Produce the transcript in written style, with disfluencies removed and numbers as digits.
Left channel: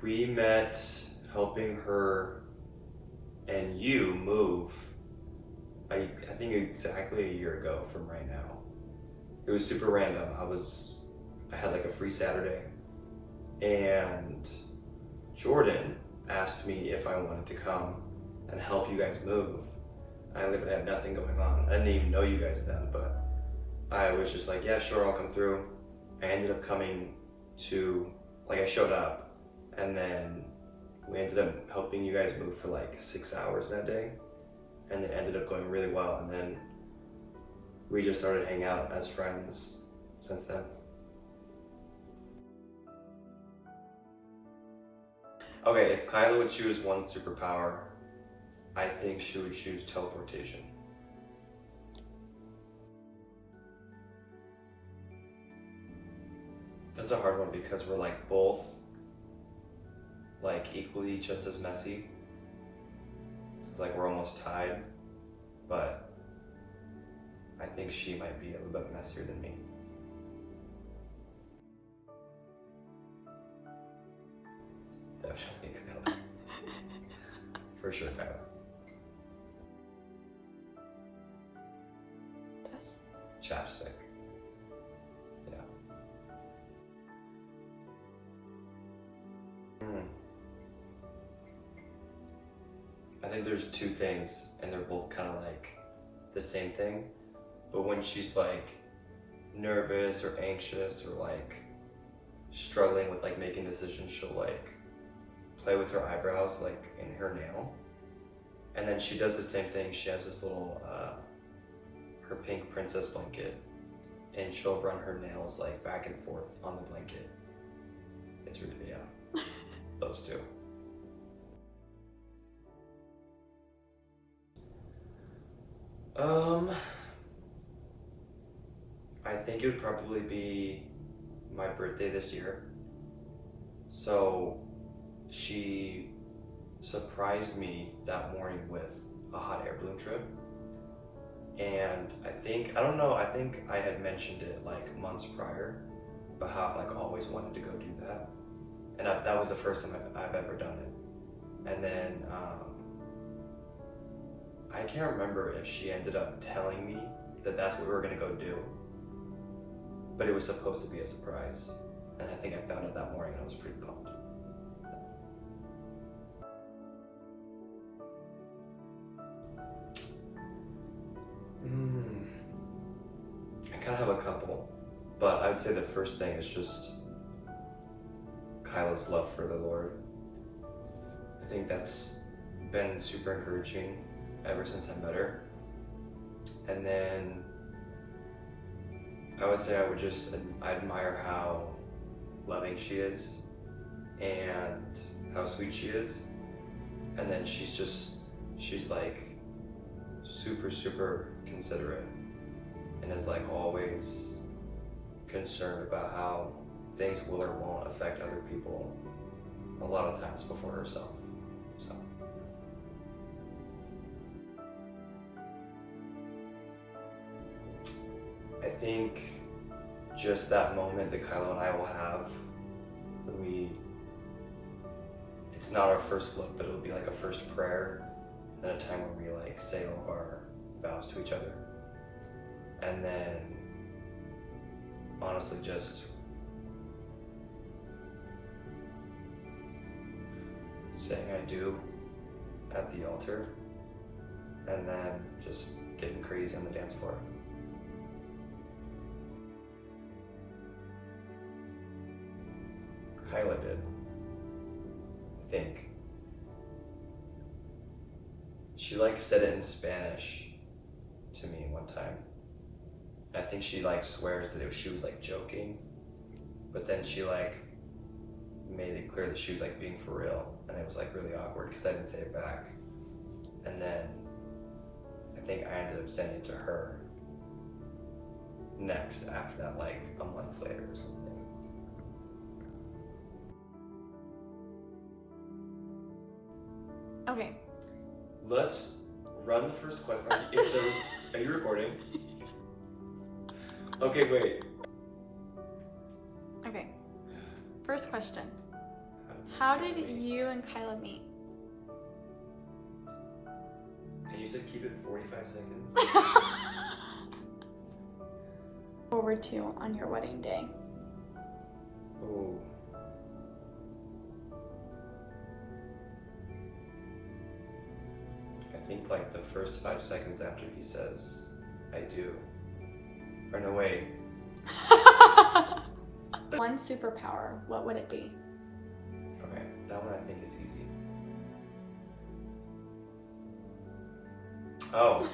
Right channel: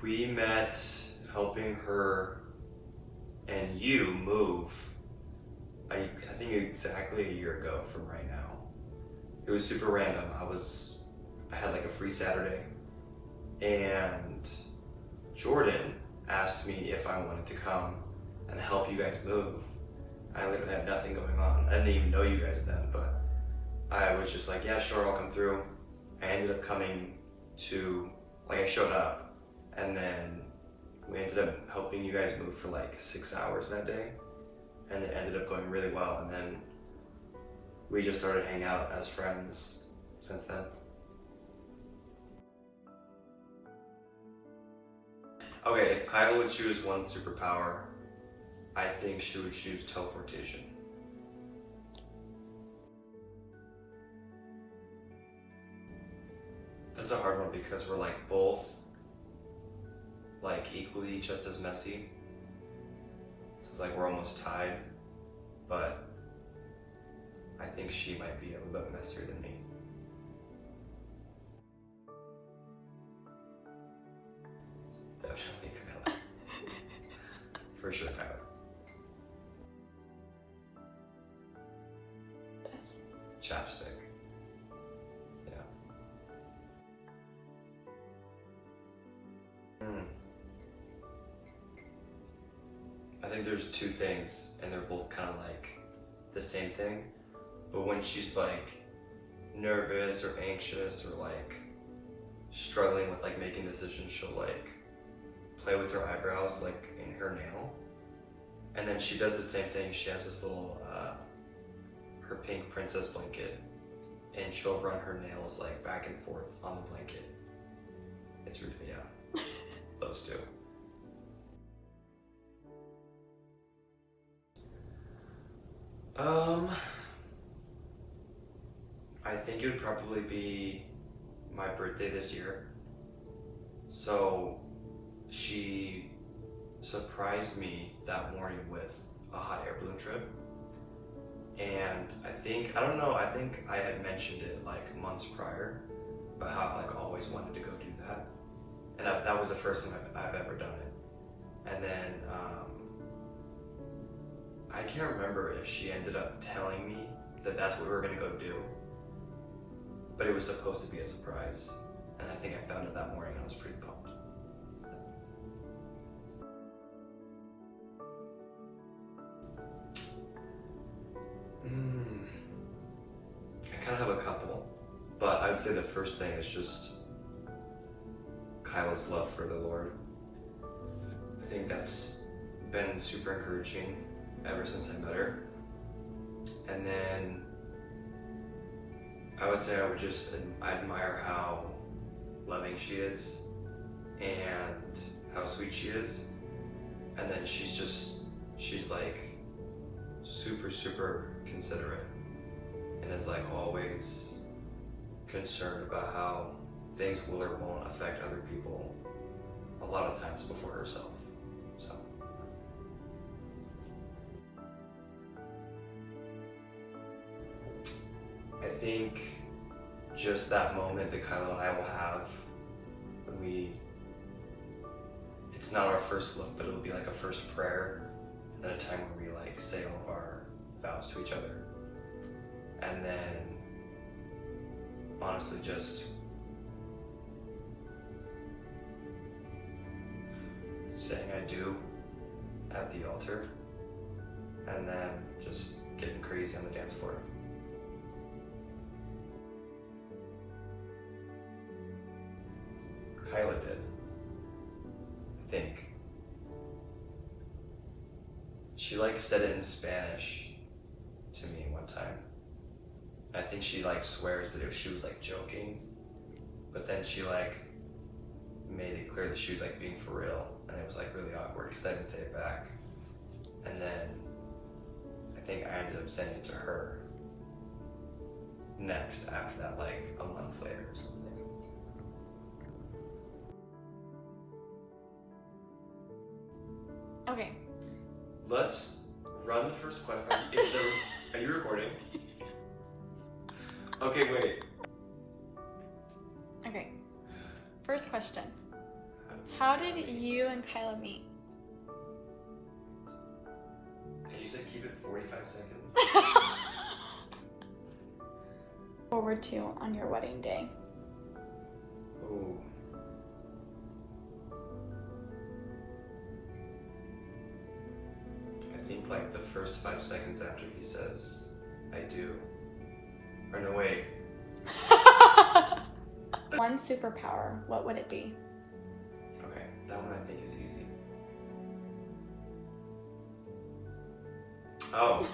We met helping her and you move, I think exactly a year ago from right now. It was super random. I had like a free Saturday, and Jordan asked me if I wanted to come and help you guys move. I literally had nothing going on. I didn't even know you guys then, but I was just like, yeah, sure, I'll come through. I ended up coming to, like, I showed up, and then we ended up helping you guys move for like 6 hours that day, and it ended up going really well. And then we just started hanging out as friends since then. Okay, if Kyla would choose one superpower, I think she would choose teleportation. That's a hard one because we're like both like equally just as messy. So it's like we're almost tied, but I think she might be a little bit messier than me. Definitely Kyla. For sure, Kyla. Chapstick. Yeah. I think there's two things, and they're both kind of like the same thing. But when she's like nervous or anxious or like struggling with like making decisions, she'll like play with her eyebrows like in her nail. And then she does the same thing. She has this little her pink princess blanket, and she'll run her nails like back and forth on the blanket. It's really, yeah, those two. I think it would probably be my birthday this year. So she surprised me that morning with a hot air balloon trip. And I don't know, I think I had mentioned it like months prior, but how I've like always wanted to go do that. And that was the first time I've ever done it. And then I can't remember if she ended up telling me that that's what we were gonna go do, but it was supposed to be a surprise. And I think I found it that morning and I was pretty pumped. I kind of have a couple, but I would say the first thing is just Kyla's love for the Lord. I think that's been super encouraging ever since I met her. And then I would say I admire how loving she is and how sweet she is. And then she's like super considerate and is like always concerned about how things will or won't affect other people a lot of times before herself. So I think just that moment that Kyla and I will have when it's not our first look, but it'll be like a first prayer, and then a time where we like say all of our vows to each other. And then honestly just saying I do at the altar, and then just getting crazy on the dance floor. Kyla did, I think. She like said it in Spanish to me one time. I think she like swears that she was like joking, but then she like made it clear that she was like being for real, and it was like really awkward because I didn't say it back. And then I think I ended up saying it to her next after that, like a month later or something. Okay. Let's run the first question. Are you recording? Okay, wait. Okay. First question. How did you and Kyla meet? And you said keep it 45 seconds? Forward to on your wedding day. Ooh. I think like the first 5 seconds after he says, I do. Or no, wait. One superpower, what would it be? Okay, that one I think is easy. Oh.